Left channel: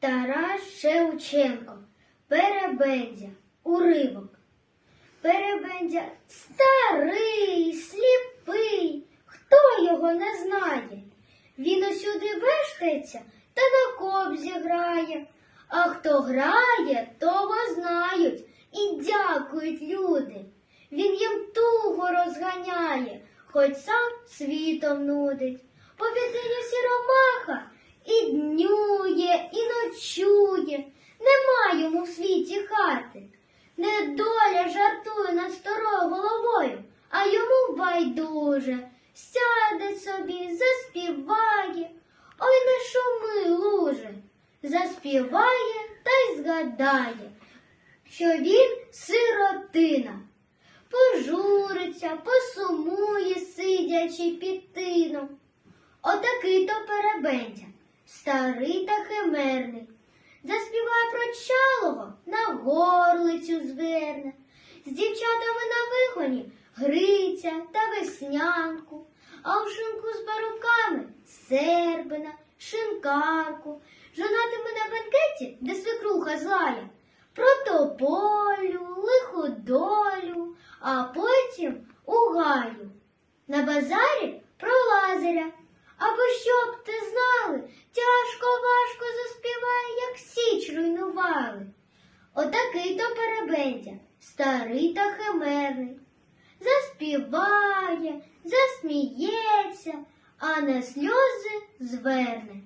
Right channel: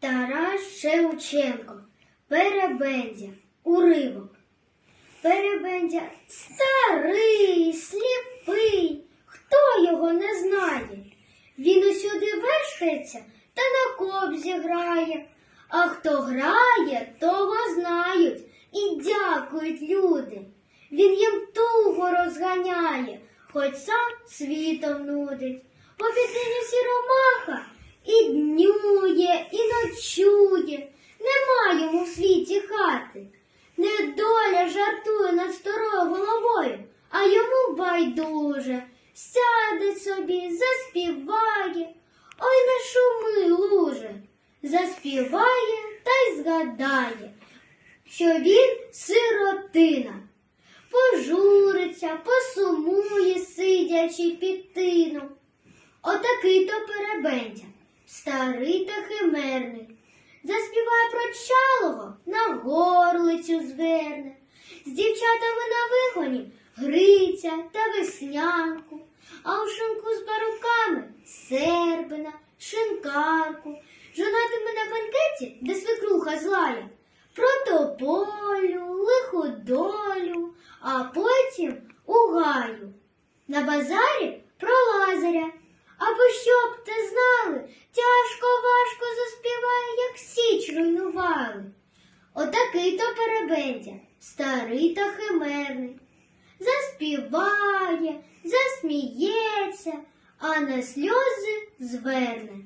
Тарас Шевченко, Перебендя, уривок. Перебендя старий, сліпий, хто його не знає. Він усюди вешкається та на кобзі грає. А хто грає, того знають і дякують люди. Він їм тугу розганяє, хоч сам світом нудить. По піднині сіромаха і днює, жартує над старою головою, а йому байдуже. Сяде собі, заспіває, ой не шуми, луже. Заспіває та й згадає, що він сиротина. Пожуриться, посумує, сидячи під тином. Отакий то перебендя, старий та химерний. Заспіває про чалого, на горлицю зверне. Вигоні Гриця та веснянку, а у шинку з баруками сербина, шинкарку, жонатими на бенкеті, де свекруха злая, про тополю, лиху долю, а потім у гаю. На базарі про лазаря. Або щоб ти знали, тяжко важко заспіває, як січ руйнували. Отакий то перебендя, старий та химерний. Заспіває, засміється, а на сльози зверне.